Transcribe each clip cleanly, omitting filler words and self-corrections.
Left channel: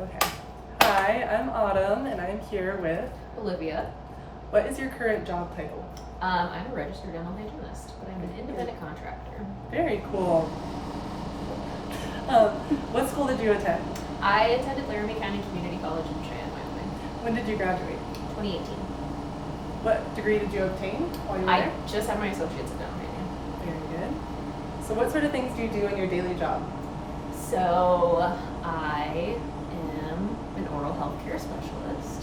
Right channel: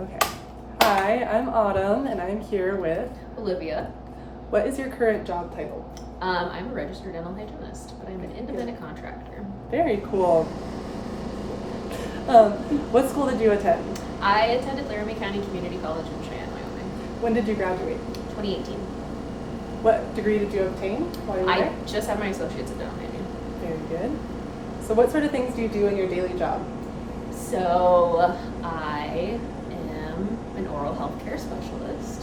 Okay. Hi, I'm Autumn, and I'm here with Olivia. What is your current job title? I'm a registered dental hygienist, but I'm an independent contractor. Very cool. What school did you attend? I attended Laramie County Community College in Cheyenne, Wyoming. When did you graduate? 2018. What degree did you obtain while you were I there? just have my associates in dental hygiene. Very good. So what sort of things do you do in your daily job? So I am an oral health care specialist.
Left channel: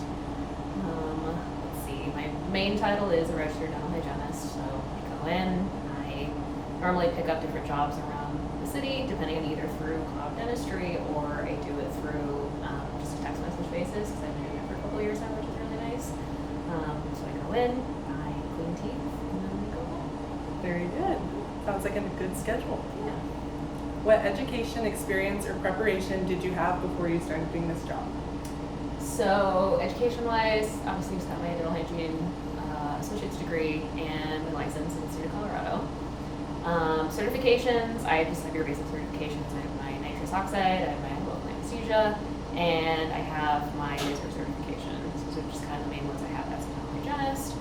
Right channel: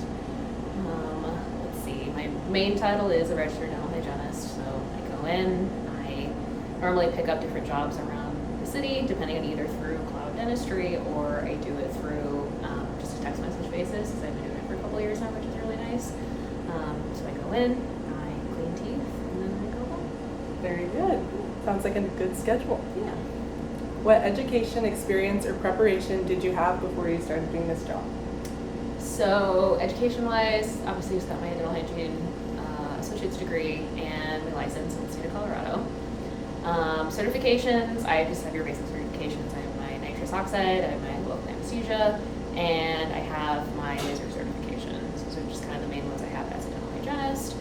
Let's see, my main title is a registered dental hygienist. So I go in, I normally pick up different jobs around the city, depending on either through Cloud Dentistry or I do it through just a text message basis because I've been doing it for a couple of years now, which is really nice. So I go in, I clean teeth, and then I go home. Very good. Sounds like a good schedule. Yeah. What education, experience, or preparation did you have before you started doing this job? So education-wise, obviously just got my dental hygiene associate's degree and my license in the state of Colorado. Certifications, I just have your basic certifications. I have my nitrous oxide, I have my local anesthesia, and I have my laser certification. So those are just kind of the main ones I have as a dental hygienist.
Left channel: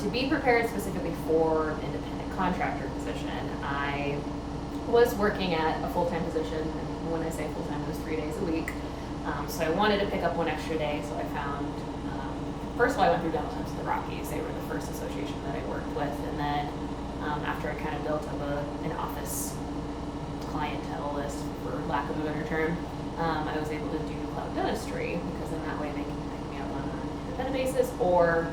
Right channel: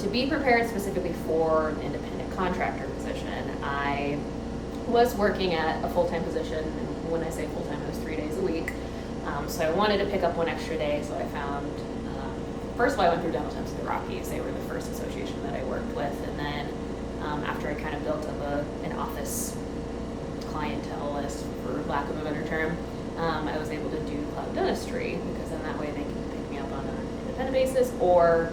To be prepared specifically for an independent contractor position, I was working at a full-time position, and when I say full-time, it was 3 days a week. So I wanted to pick up one extra day, so I found, first of all, I went through Dental Temps in the Rockies. They were the first association that I worked with, and then after I kind of built up an office clientele list, for lack of a better term, I was able to do Cloud Dentistry, because then that way they can pick me up on an independent basis, or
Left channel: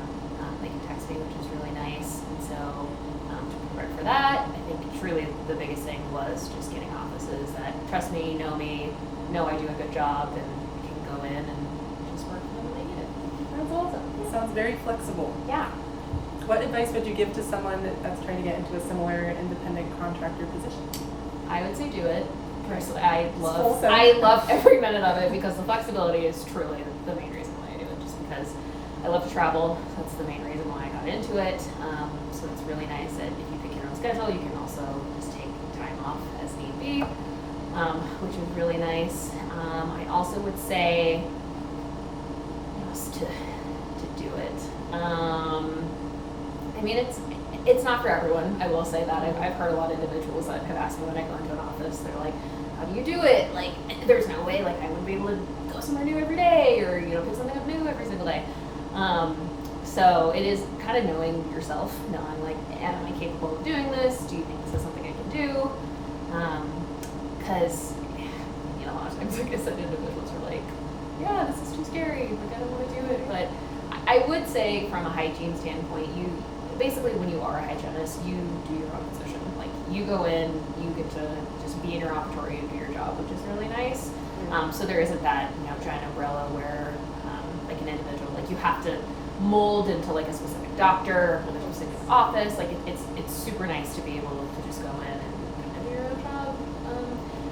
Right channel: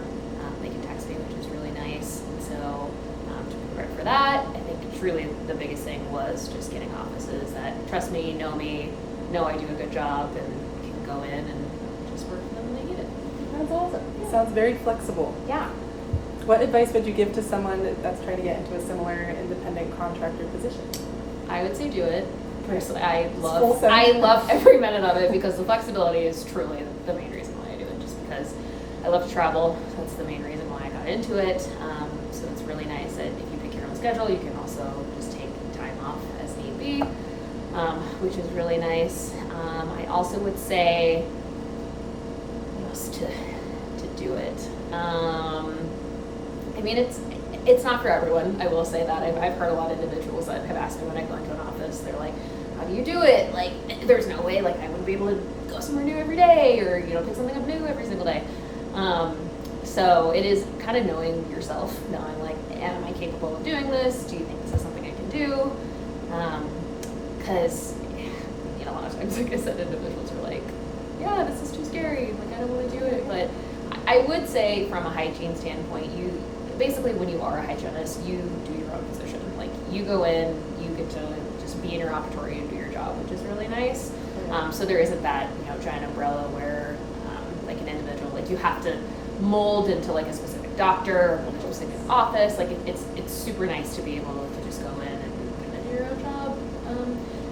they can text me, which is really nice. And so to prepare for that, I think truly the biggest thing was just getting offices that trust me, know I do a good job, and can go in and just work for them when they need it. That's awesome. Yeah. Sounds very flexible. Yeah. What advice would you give to someone that's trying to get into a similar independent contractor position? I would say do it. Personally, I Full send. love every minute of it because the flexibility is truly the main reason why I do it. Just because I love to travel, that's the main reason why I got into it. So it's really nice that if you pick your own schedule, you can also just take time off as need be, which is really nice. I also would say just to do it. I mean, it's not for everyone. I will say that. I've heard a lot of individuals that have asked me when I go into an office, they're like, how do you do it? Like, there's no way, like, I wouldn't be able to go somewhere new every day or, pick something up new every single day. So it is kind of knowing yourself, knowing, like, am I capable of doing this? Do you think this is something I can do? Because, a lot of times, like I said, individuals are like, yeah, this is too scary. Like, I don't want to do it. But I would say from a hygiene standpoint, basically when you are a hygienist, you do your own position. Like, you go in, you get to just be in your operatory and do your job, which is really nice. So there isn't that, giant umbrella where, like, an individual, like, you have to mold into, like, a specific doctor or a specific office. Like, it's super nice to be able to just go in and kind of do your own job.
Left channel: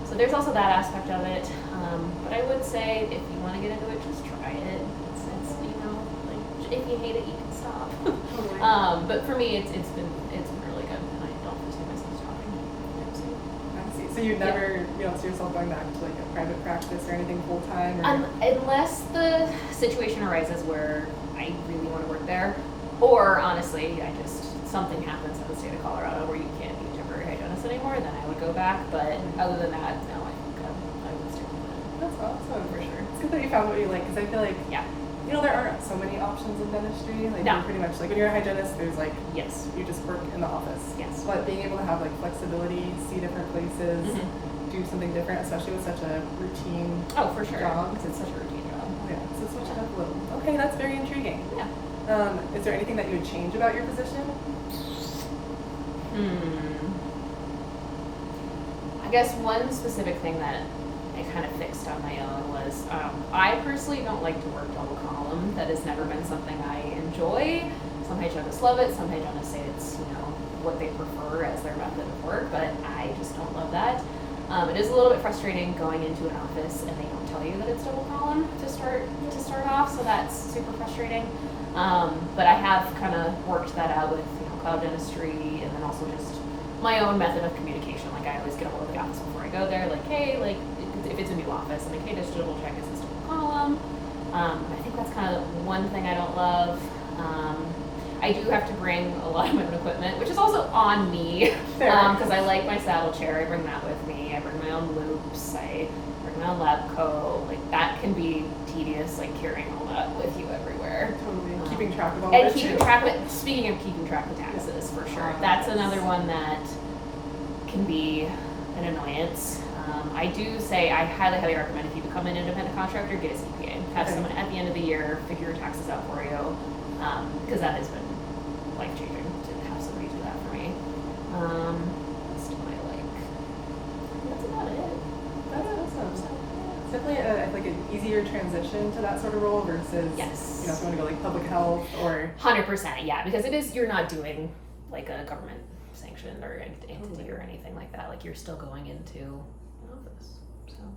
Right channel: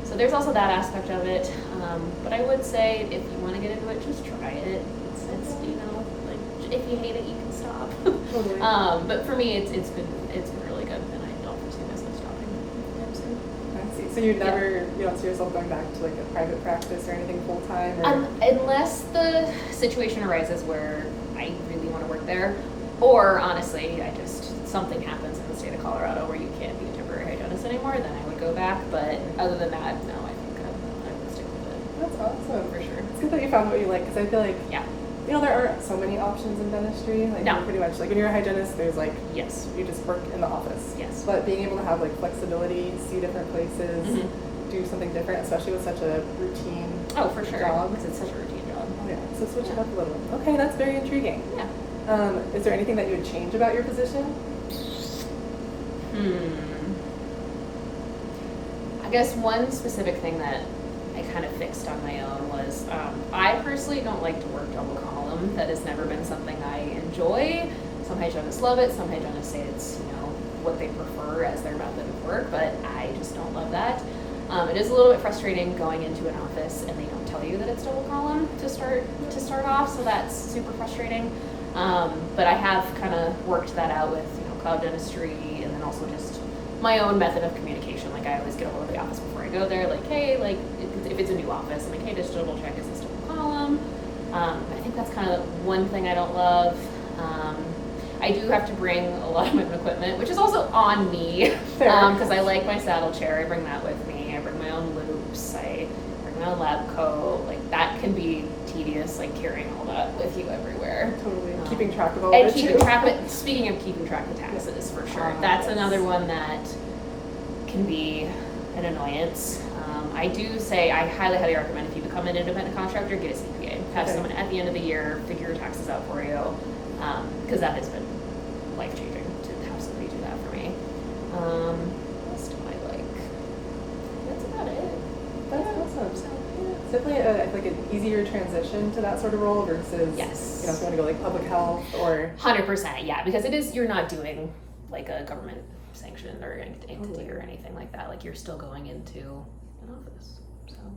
So there's also that aspect of it. But I would say if you want to get into it, just try it. It's like, if you hate it, you can stop. Totally. But for me, it's been really good, and I don't foresee myself stopping anytime soon. I see. So you don't see yourself going back to like a private practice or anything full time? Unless the situation arises where I really want to work there, or honestly, something happens in the state of Colorado where you can't be a temporary hygienist anymore, then I would go back. But other than that, no, I think I would stick with it. That's awesome. For sure. It's good that you found what you like, because I feel like Yeah. there aren't so many options in dentistry. Like, No. you're pretty much like when you're a hygienist, there's like Yes. you just work in the office. Yes. But being able to have like flexibility, see different places, do something different, especially with such a routine. Oh, for sure. Job. Because it's such a routine job. Yeah, so switch it Yeah. up a little. Okay, that's very intriguing. Yeah. Is there anything that you would change about your position? I guess one specific thing that I kind of fixed on my own was I personally don't like to work double column. That has never been something I enjoy. Some hygienists love it. Some hygienists say it's what they prefer as their method of work, but I just don't love that. It is a little bit frustrating going into an office and they don't tell you that it's double column to start off, so that's super frustrating. But I have kind of worked that out with Cloud Dentistry, and then also just my own method of communication. Like I always get a hold of the office before I go there. Like, hey, like if it's a new office, I'm like, hey, just double check, is this still a column? I think that's kind of one thing I don't love. I do have to bring a lot of my own equipment, which is also on me, because I like my saddle chair. I bring that with me. I bring my own loops. I bring my own lab coat. Like that can be tedious, like carrying all that with you everywhere. Totally. Keeping track of all And that keeping too. track of it. Speaking of keeping track of taxes, for sure. That's Yes. another one that can be an annoyance. I do say I highly, highly recommend if you become an independent contractor, get a CPA. Have Okay. someone at the end of the year figure your taxes out for you, because that has been life-changing to have somebody do that for me. What else do I like? That's about it. That's Yeah. awesome. So, It's definitely like an easier transition to that sort of role versus Yes. you know, if you want to go like public health or 100%, yeah, because it is, you're not doing like a government sanctioned or entity Totally. or anything like that. Like you're still going into an office.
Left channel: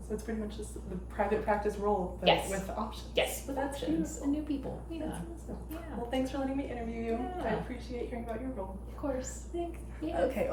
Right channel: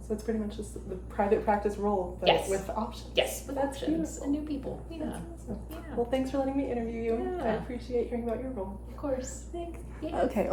So it's pretty much just the private practice role, but Yes. with options. yes, with That's options beautiful. and new people. Yeah, That's awesome. yeah, Well, thanks for letting me interview you. Yeah. I appreciate hearing about your role. of course. Thanks. Yeah. Okay.